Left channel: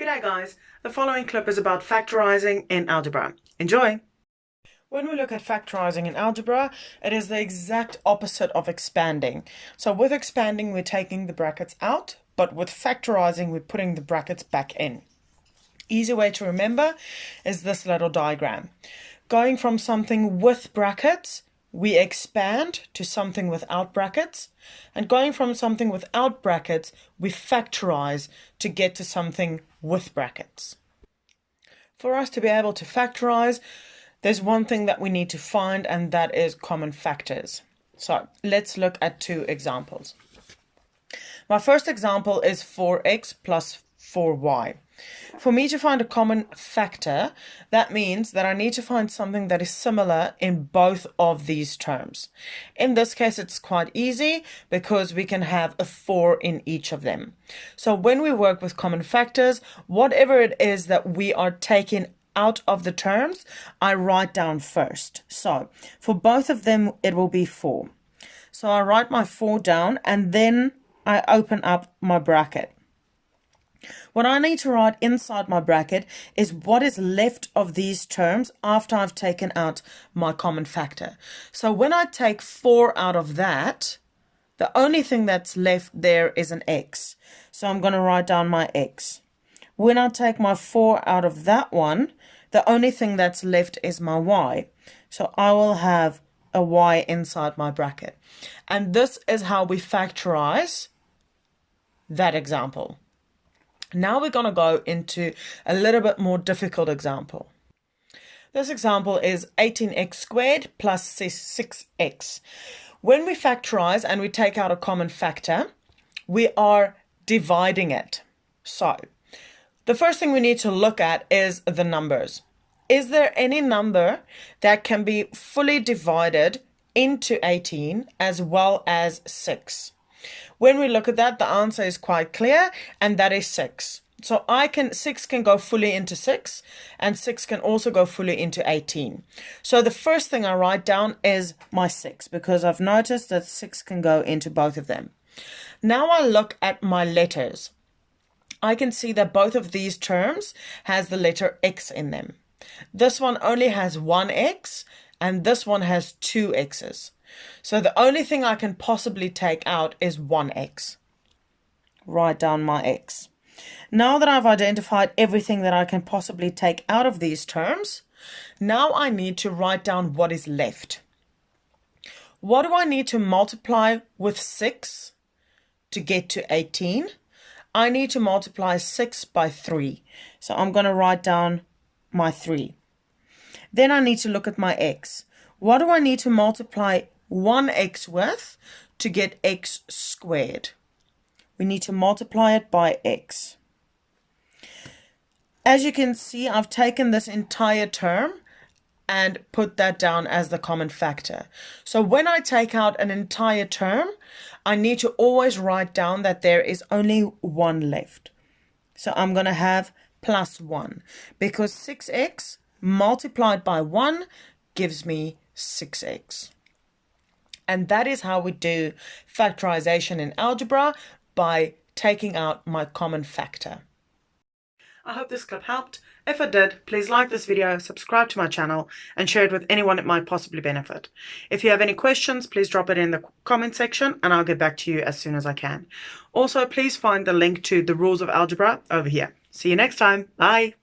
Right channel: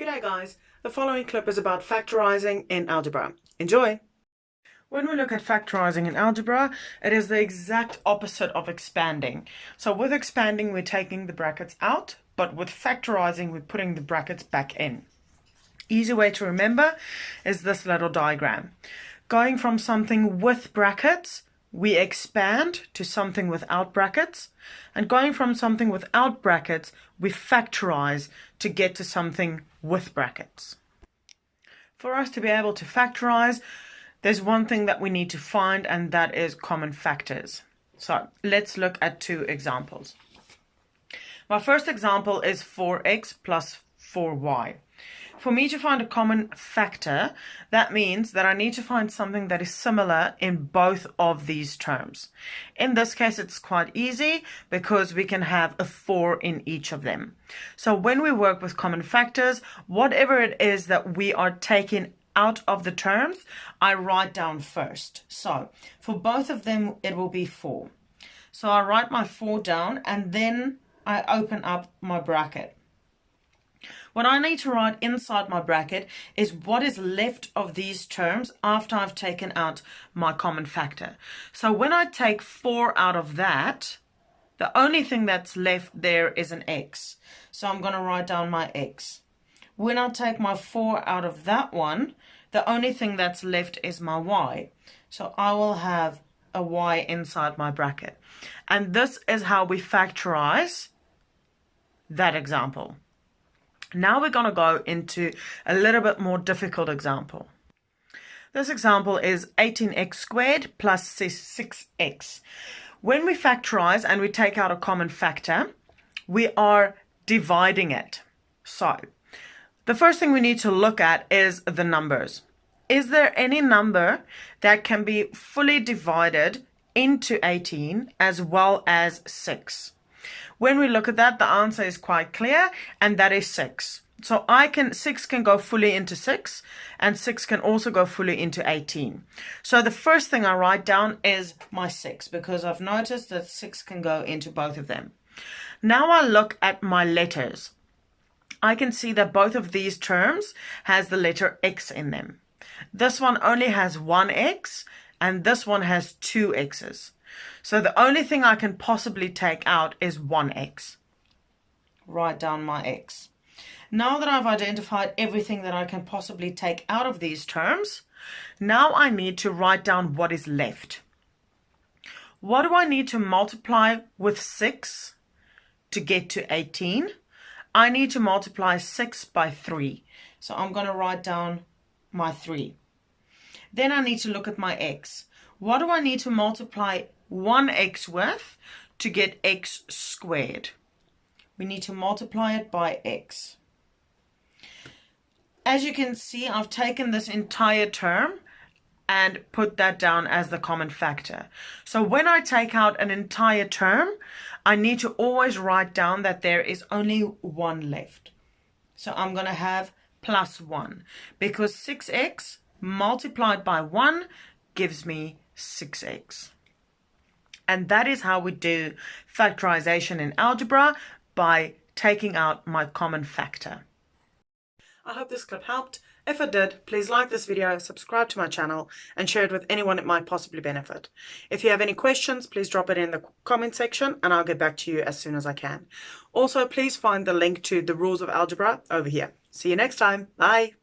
G'day guys, the following clip is about factorizing in algebra. Enjoy! When we look at factorizing in algebra, it is the exact opposite of expanding. So with expanding, we're taking the brackets out, but with factorizing, we're putting the brackets back in. Easy way to remember is this little diagram. Going from something with brackets, we expand to something without brackets. And going from something without brackets, we factorize to get to something with brackets. For us to be able to factorize, there's one thing that we need to find, and that is common factors. So let's look at two examples. My first example is 4x plus 4y. For me to find a common factor, that means that I need to find something that is similar in both of these terms. In this case, it's quite easy because we can have a 4 in each of them. So when we work with common factors, whatever it is that we are taking out of the terms, I write down first. So for both of them, it will be 4. So I write my 4 down and then I open up my bracket. What I need to write inside my bracket is what is left of these terms after I've taken out my common factor. So when I take 4 out of that, the only thing that's left there is an x. So I'm going to write down my x. When I take my 4 out of that one, the only thing that's left is my y. So I will have a y inside my bracket. And this is how we factorize that example. Now we're going to go into a little bit more difficult example. This example is 18x squared plus 6x. When we factorize and we take out a common factor, we are dividing it. So the first thing we need to look at is the numbers. Is there any number that can be fully divided into 18 as well as 6? When we look at that, the answer is quite clear, and that is 6. So 6 can go fully into 6, and 6 can also go fully into 18. So the first thing I write down is my 6, because I've noticed that 6 can go into both of them. Now I look at my letters. I can see that both of these terms has the letter x in them. This one only has one x, and this one has two x's. So the only thing I can possibly take out is 1x. Write down my x. Now that I've identified everything that I can possibly take out of these terms, now I need to write down what is left. What do I need to multiply with 6 to get to 18? I need to multiply 6 by 3. So I'm going to write down my 3. Then I need to look at my x. What do I need to multiply 1x with to get x squared? We need to multiply it by x. As you can see, I've taken this entire term and put that down as the common factor. So when I take out an entire term, I need to always write down that there is only one left. So I'm going to have plus 1, because 6x multiplied by 1 gives me 6x. And that is how we do factorization in algebra, by taking out my common factor. I hope this clip helped. If it did, please like this video, subscribe to my channel, and share it with anyone it might possibly benefit. If you have any questions, please drop it in the comment section and I'll get back to you as soon as I can. Also, please find the link to the rules of algebra over here. See you next time. Bye.